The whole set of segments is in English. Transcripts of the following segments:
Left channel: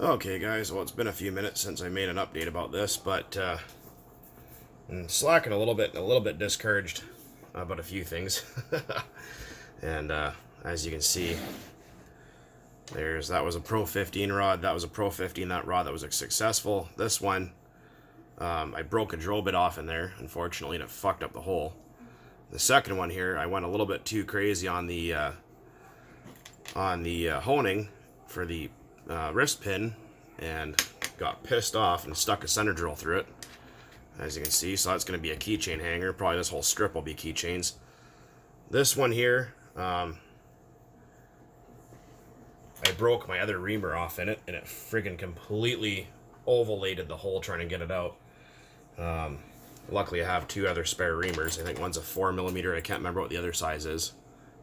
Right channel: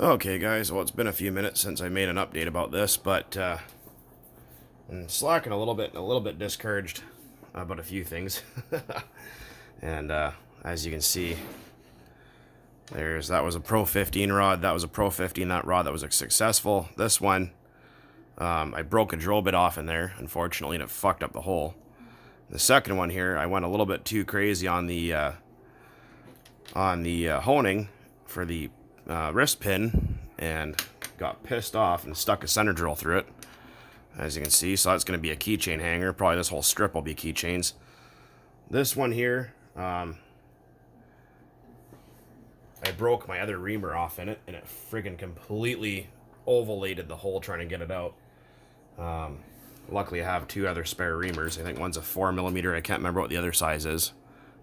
Okay guys, well it's been a few minutes since I made an update about this, but I'm slacking a little bit discouraged about a few things. And as you can see, that was a Pro 15 rod, that was a Pro 15, that rod that was successful. This one, I broke a drill bit off in there, unfortunately, and it fucked up the hole. The second one here, I went a little bit too crazy on the honing for the wrist pin and got pissed off and stuck a center drill through it, as you can see. So that's going to be a keychain hanger. Probably this whole strip will be keychains. This one here, I broke my other reamer off in it, and it friggin' completely ovalated the hole trying to get it out. Luckily I have two other spare reamers. I think one's a 4mm. I can't remember what the other size is.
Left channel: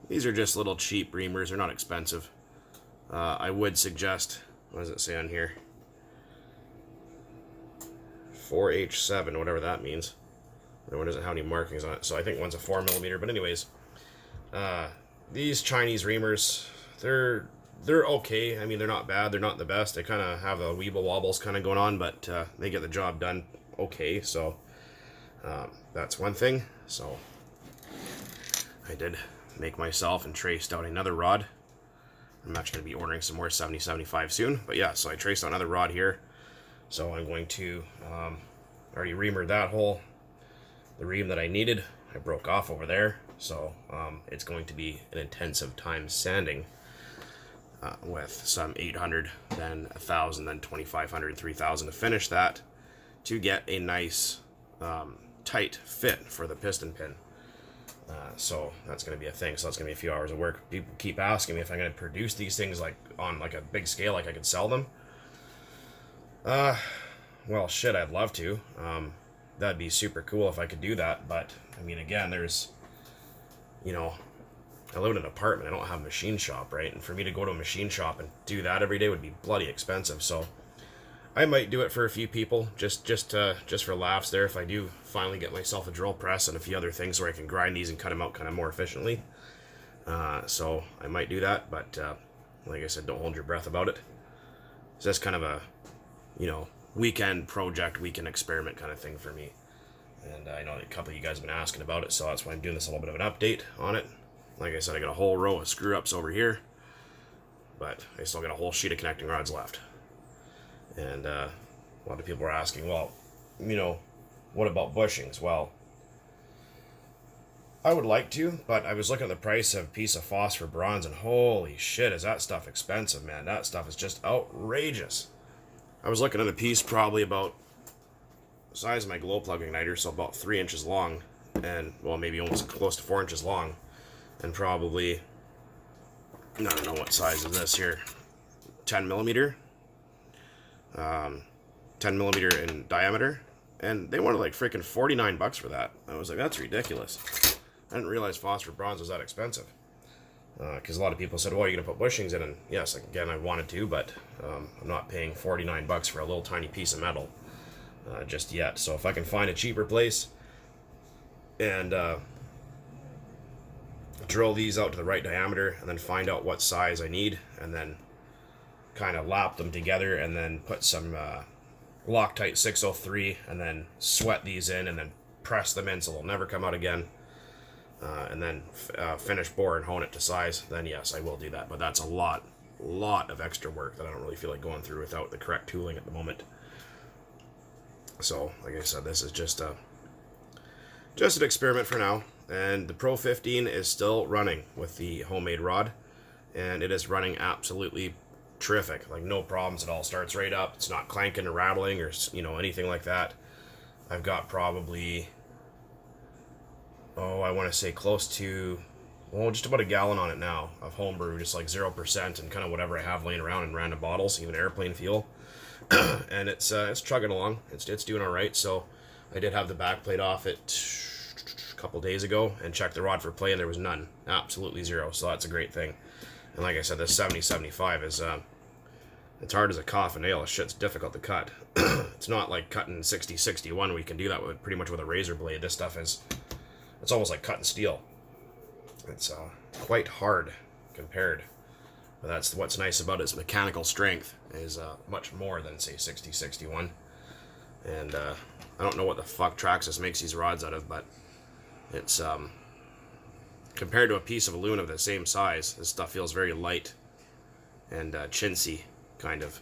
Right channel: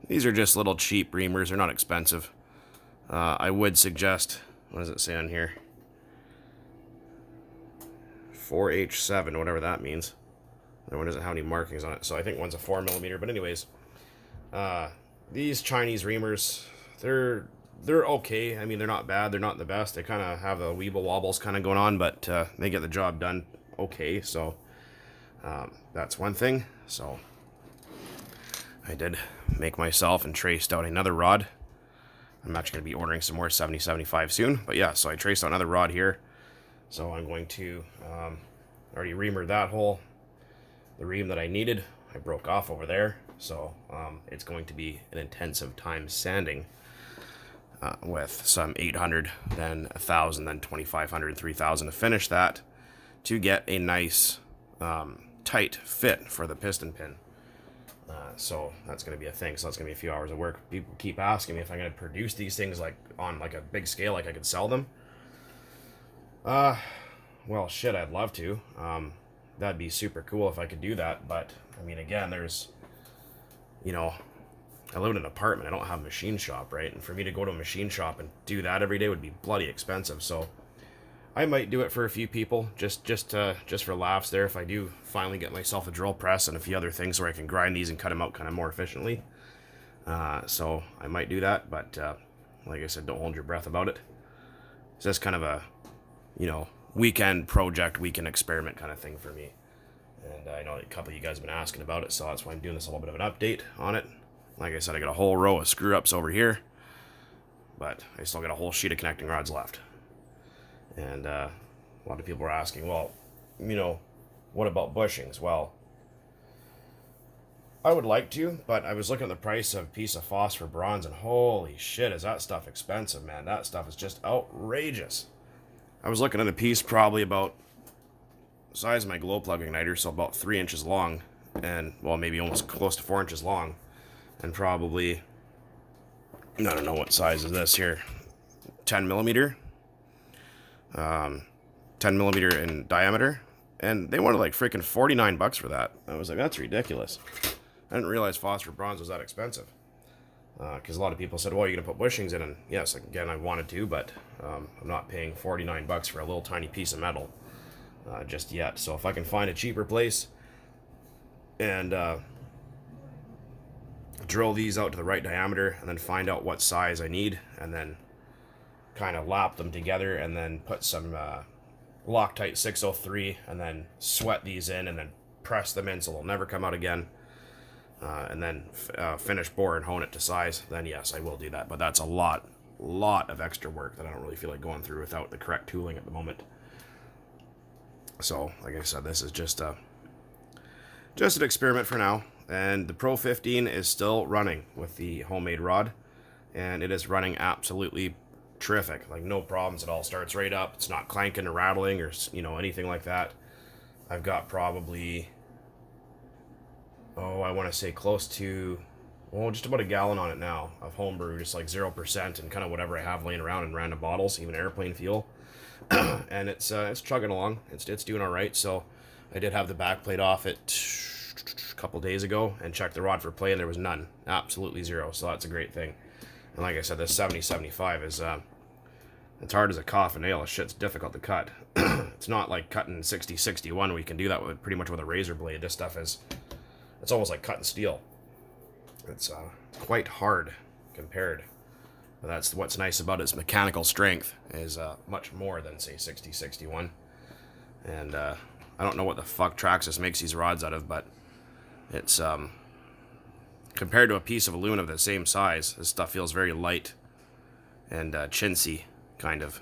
These are just little cheap reamers. They're not expensive. I would suggest, what does it say on here? 4H7, whatever that means. That one doesn't have any markings on it, so I think one's a 4mm. But anyways, these Chinese reamers, they're okay. I mean, they're not bad. They're not the best. They kind of have the weeble wobbles kind of going on, but they get the job done okay. So that's one thing. So I did make myself and traced out another rod. I'm actually going to be ordering some more 7075 soon. But yeah, so I traced out another rod here. So I'm going to already reamered that hole. The ream that I needed, I broke off over there. So it's going to be an intensive time sanding with some 800, then 1,000, then 2,500, 3,000 to finish that, to get a nice tight fit for the piston pin. So that's going to be a thing. So that's going to be a few hours of work. People keep asking me if I'm going to produce these things like on like a big scale, like I could sell them. Well, shit, I'd love to. That'd be super cool if I could do that. But I mean, again, there's, you know, I live in an apartment. I don't have a machine shop, right? And for me to go to a machine shop and do that every day would be bloody expensive. So I might do it for a few people, just for laughs there, if I do finally get myself a drill press and a few other things where I can grind these and cut them out kind of more efficiently. So I might do that, but like I said, don't hold your breath about it. It's just kind of a, you know, weekend project, weekend experiment kind of thing for me. And I know a couple of you guys have been asking about it, so that's why I'm doing this, a little bit of an update on it. Like I said, I got a whole row of screw-ups over here, but I still got a whole sheet of connecting rods left. And a lot of people are asking, well, you know, what about bushings? Well, I would like to, but I was looking at the price of a piece of phosphor bronze, and holy shit, is that stuff expensive, man. That stuff is just outrageous. I was looking at a piece probably about the size of my glow plug igniter, so about 3 inches long, and, well, maybe almost close to 4 inches long, and probably, I don't know what size is this here, 10mm. 10mm in diameter, and they wanted like freaking $49 for that. I was like, that's ridiculous. I didn't realize phosphor bronze was that expensive, because a lot of people said, well, you're gonna put bushings in, and yes, again, I wanted to, but I'm not paying $49 for a little tiny piece of metal just yet. So if I can find a cheaper place and drill these out to the right diameter, and then find out what size I need, and then kind of lap them together, and then put some Loctite 603, and then sweat these in, and then press them in so they'll never come out again, and then finish bore and hone it to size, then yes, I will do that. But that's a lot of extra work that I don't really feel like going through without the correct tooling at the moment. So like I said, this is just an experiment for now, and the Pro 15 is still running with the homemade rod, and it is running absolutely terrific, like no problems at all. Starts right up. It's not clanking or rattling or, you know, anything like that. I've got probably, I want to say close to, well, just about a gallon on it now of homebrew, just like 0% and kind of whatever I have laying around in random bottles, even airplane fuel. And it's chugging along. It's doing all right. So I did have the back plate off it a couple days ago and checked the rod for play, and there was none, absolutely zero. So that's a great thing. And like I said, this 7075 is, it's hard as a coffin nail. This shit's difficult to cut. It's not like cutting 6061. We can do that with pretty much with a razor blade. This stuff is, it's almost like cutting steel. It's quite hard compared. But that's what's nice about its mechanical strength, is much more than, say, 6061. And I don't know what the fuck Traxxas makes these rods out of, but it's compared to a piece of aluminum of the same size, this stuff feels very light and chintzy, kind of.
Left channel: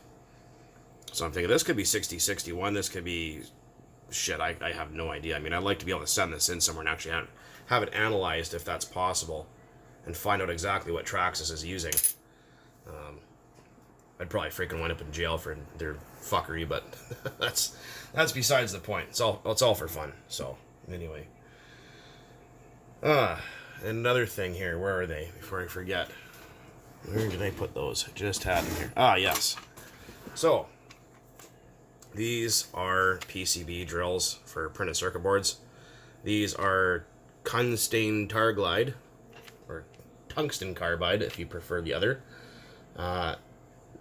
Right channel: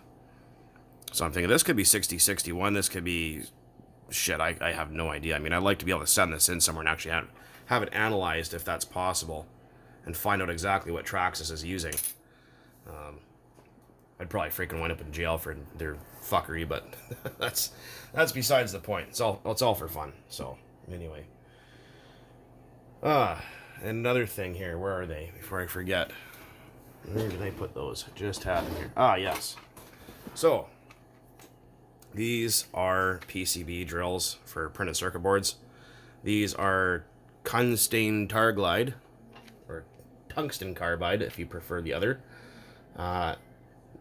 So I'm thinking this could be 6061, this could be shit, I have no idea. I mean, I'd like to be able to send this in somewhere and actually have it analyzed if that's possible and find out exactly what Traxxas is using. I'd probably freaking wind up in jail for their fuckery, but that's besides the point. It's all for fun. So anyway, another thing here. Where are they? Before I forget, where did I put those? I just had them here. Ah, yes. So these are PCB drills for printed circuit boards. These are tungsten targlide, or tungsten carbide if you prefer the other.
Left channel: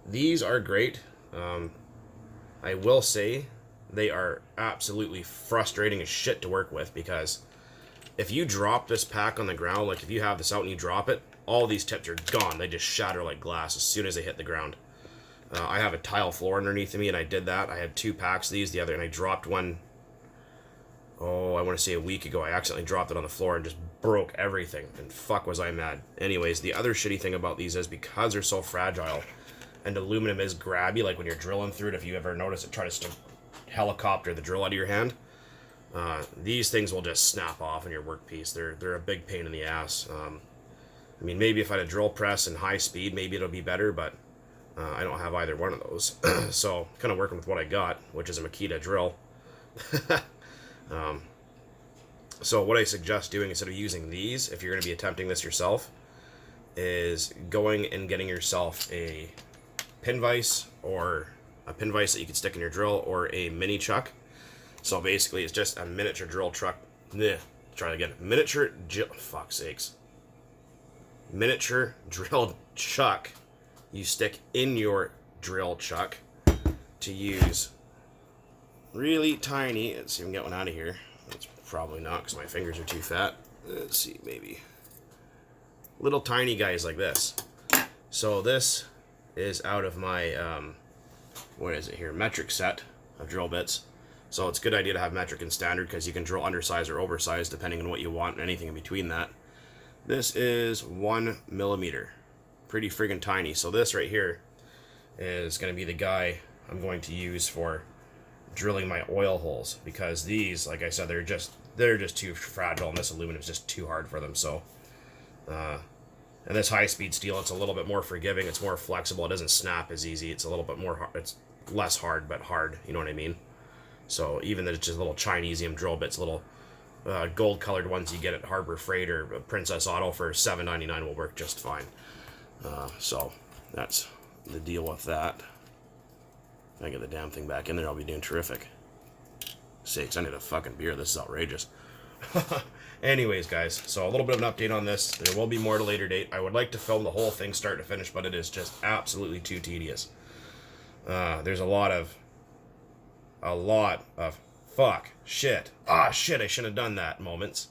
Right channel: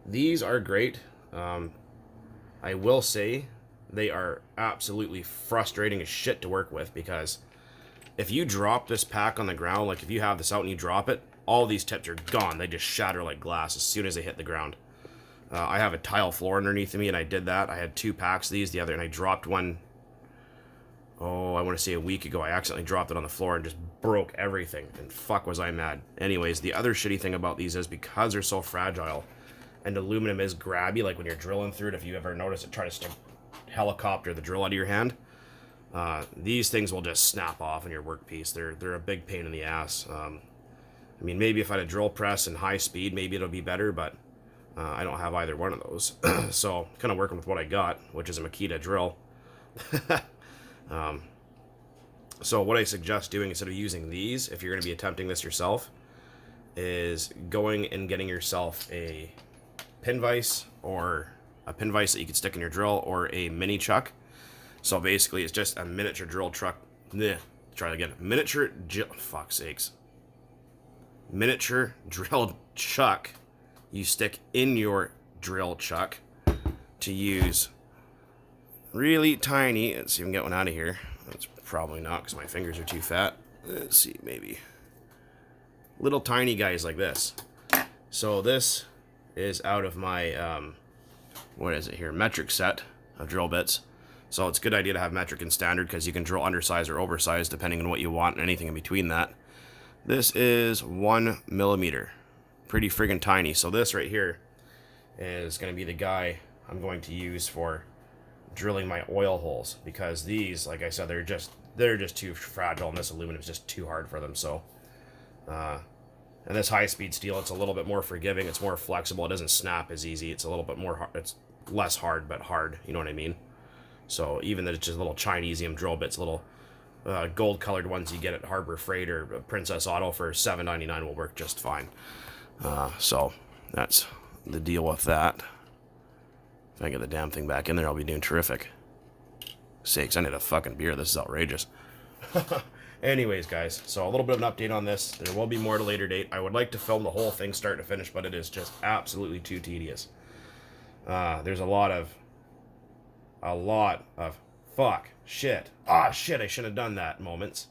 These are great. I will say they are absolutely frustrating as shit to work with, because if you drop this pack on the ground, like if you have this out and you drop it, all these tips are gone. They just shatter like glass as soon as they hit the ground. I have a tile floor underneath me, and I did that. I had 2 packs of these the other, and I dropped one, I want to say a week ago. I accidentally dropped it on the floor and just broke everything, and fuck was I mad. Anyways, the other shitty thing about these is because they're so fragile, and aluminum is grabby, like when you're drilling through it, if you ever notice it try to helicopter the drill out of your hand, these things will just snap off in your workpiece. They're a big pain in the ass. I mean, maybe if I had a drill press and high speed, maybe it'll be better, but I don't have either one of those. So kind of working with what I got, which is a Makita drill. So what I suggest doing instead of using these, if you're going to be attempting this yourself, is going and getting yourself a pin vise, or a pin vise that you can stick in your drill, or a mini chuck. So basically it's just a miniature drill truck. Try it again. Miniature drill chuck you stick in your drill chuck to use really tiny, let's see if we can get one out of here. That's probably not, because my fingers are too fat. Let's see, maybe little tiny guys like this. So this is out of my what is it here, metric set of drill bits. So it's a good idea to have metric and standard, because you can drill undersized or oversized depending on what you want, and anything in between that. This is 1 millimeter, pretty friggin' tiny. So this right here is going to be the guy I'm going to use for drilling my oil holes, because these, like I said, they're just too fragile, and this aluminum is just too hard for them. So and this high-speed steel, it's a little bit more forgiving, it's more flexible, it doesn't snap as easy, it's a little bit more hard, it's less hard but hard, you know what I mean? So even though it's just little Chinesium drill bits, little gold colored ones you get at Harbor Freight or Princess Auto for $7.99 will work just fine. So that's the deal with that. If I get the damn thing back in there, I'll be doing terrific. Sakes, I need a fucking beer. This is outrageous. Anyways, guys, so a little bit of an update on this. There will be more at a later date. I would like to film the whole thing start to finish, but it is just absolutely too tedious. There's a lot of fuck, shit, shit, I shouldn't have done that moments.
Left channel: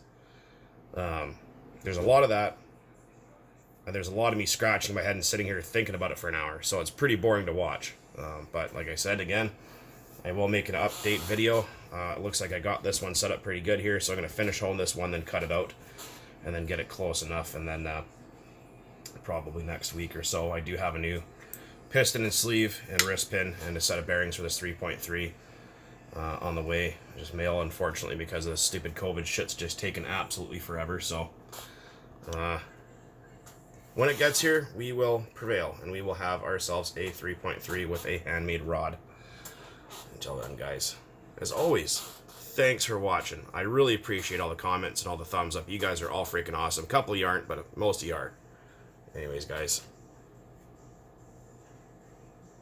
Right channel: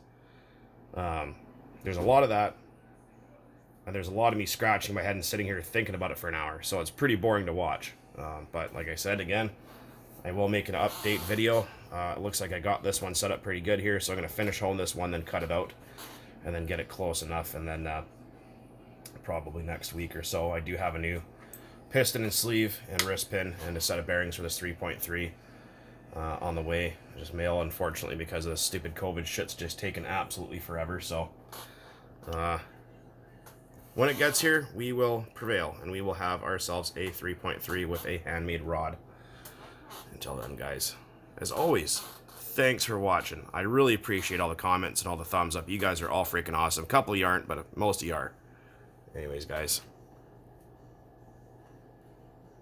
There's a lot of that, and there's a lot of me scratching my head and sitting here thinking about it for an hour, so it's pretty boring to watch. But like I said, again, I will make an update video. It looks like I got this one set up pretty good here, so I'm going to finish holding this one, then cut it out, and then get it close enough, and then probably next week or so, I do have a new piston and sleeve and wrist pin and a set of bearings for this 3.3 on the way. Just mail, unfortunately, because of this stupid COVID shit's just taken absolutely forever. So when it gets here, we will prevail, and we will have ourselves a 3.3 with a handmade rod. Until then, guys, as always, thanks for watching. I really appreciate all the comments and all the thumbs up. You guys are all freaking awesome. A couple of you aren't, but most of you are. Anyways, guys,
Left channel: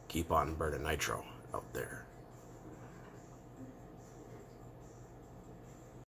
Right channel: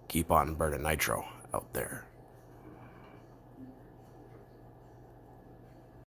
keep on burning nitro out there.